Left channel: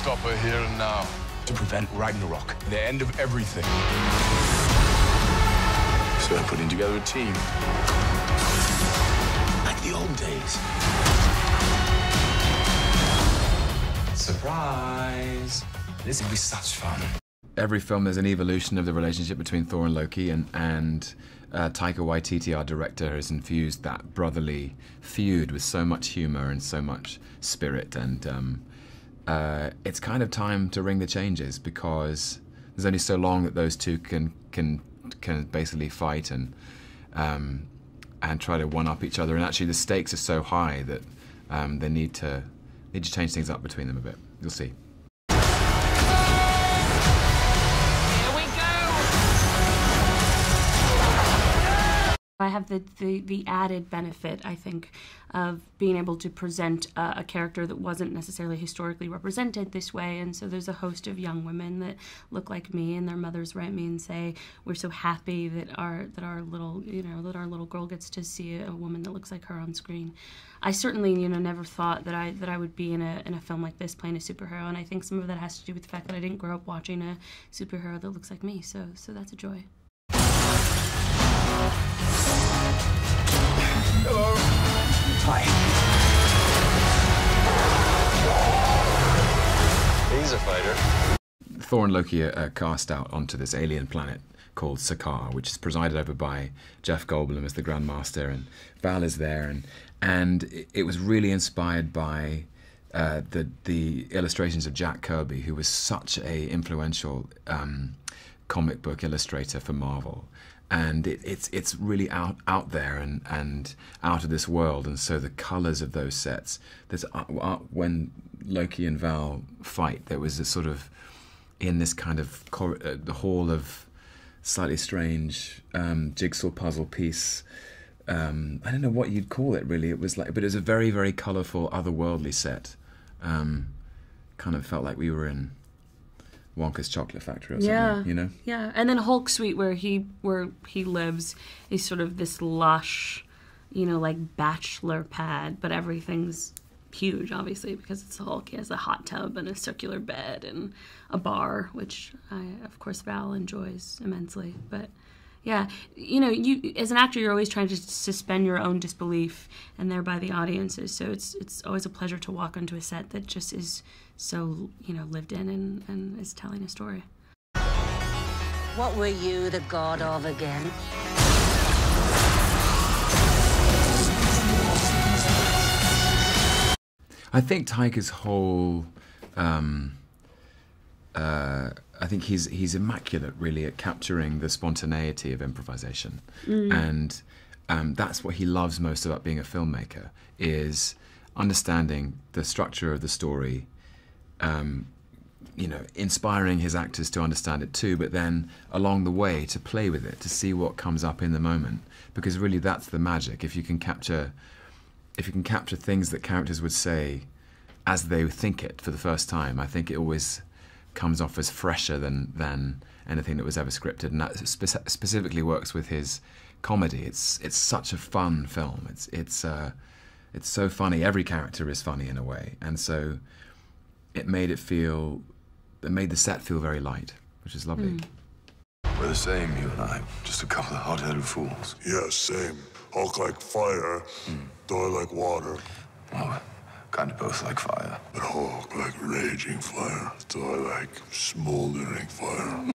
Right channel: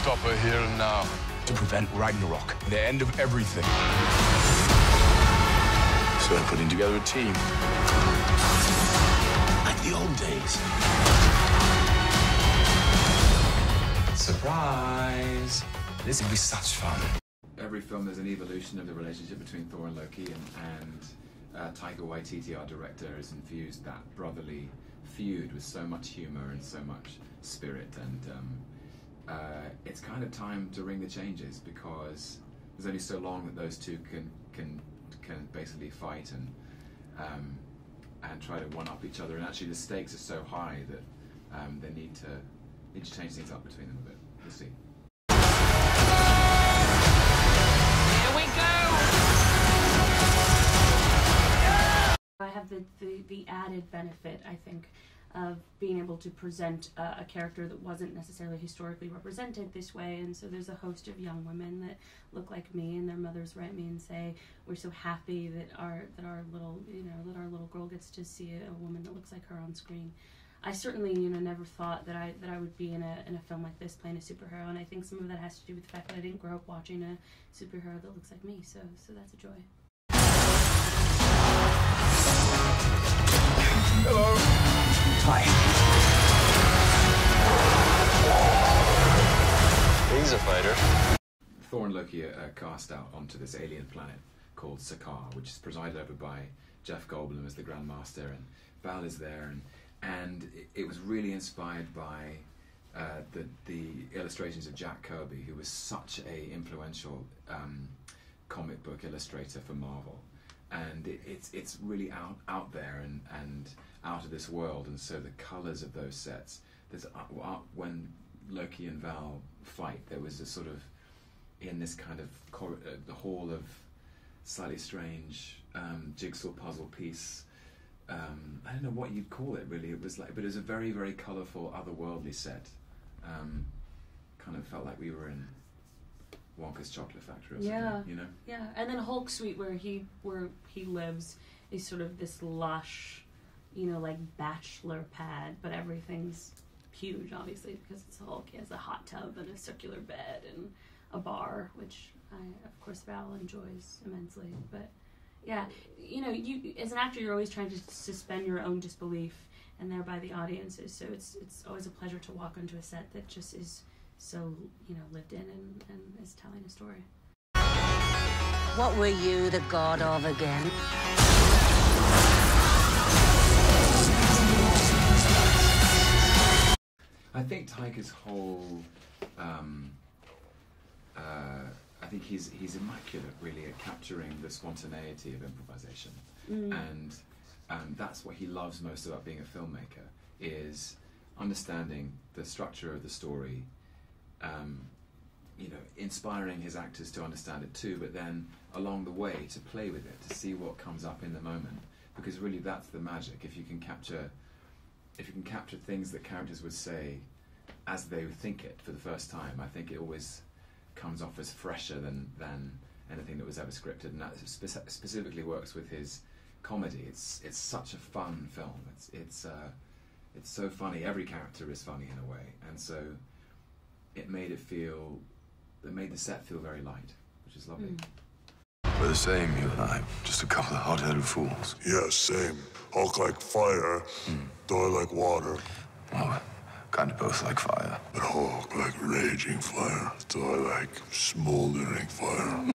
stop her here and now. To prevent Ragnarok, the end of everything. So I'm putting together a team. Like the old days. Surprise! This will be such fun. Every film, there's an evolution of the relationship between Thor and Loki, and Taika Waititi, our director, has infused that brotherly feud with so much humor and so much spirit, and it's kind of time to ring the changes, because there's only so long that those two can basically fight and try to one-up each other, and actually the stakes are so high that they need to change things up between them a bit. You'll see. I have the added benefit, I think, of being able to present a character that wasn't necessarily historically represented this way, and so there's a host of young women that look like me, and their mothers write me and say, "We're so happy that our little girl gets to see a woman that looks like her on screen." I certainly, never thought that I would be in a film like this playing a superhero, and I think some of that has to do with the fact that I didn't grow up watching a superhero that looks like me. So that's a joy. Hello. Hi. He's a fighter. Thor and Loki are cast out onto this alien planet called Sakaar, which is presided over by Jeff Goldblum as the Grand Master, and Val is there, and it was really inspired by the illustrations of Jack Kirby, who was such a influential comic book illustrator for Marvel. And it's really out there and out of this world, and so the colours of those sets. There's when Loki and Val fight, there was a sort of in this kind of the hall of slightly strange jigsaw puzzle piece. I don't know what you'd call it really. It was like, but it was a very, very colourful, otherworldly set. Kind of felt like we were in Wonka's Chocolate Factory or something, Yeah, and then Hulk Suite, where he lives, is sort of this lush, like bachelor pad, but everything's huge, obviously, because it's the Hulk. He has a hot tub and a circular bed and a bar, which of course Val enjoys immensely. But yeah, you as an actor, you're always trying to suspend your own disbelief, and thereby the audiences. So it's always a pleasure to walk onto a set that just is so lived in and is telling a story. What were you the god of again? I think Taika's whole I think he's immaculate, really, at capturing the spontaneity of improvisation, and that's what he loves most about being a filmmaker, is understanding the structure of the story, inspiring his actors to understand it too, but then along the way to play with it, to see what comes up in the moment, because really that's the magic. If you can capture things that characters would say as they think it for the first time, I think it always comes off as fresher than anything that was ever scripted, and that specifically works with his comedy. It's such a fun film. It's so funny. Every character is funny in a way, and so it made the set feel very light, which is lovely. We're the same, you and I. Just a couple of hot-headed fools. Yeah, same. Hulk like fire, Thor like water. Well, kind of both like fire. But Hulk like raging fire, Thor like smoldering fire.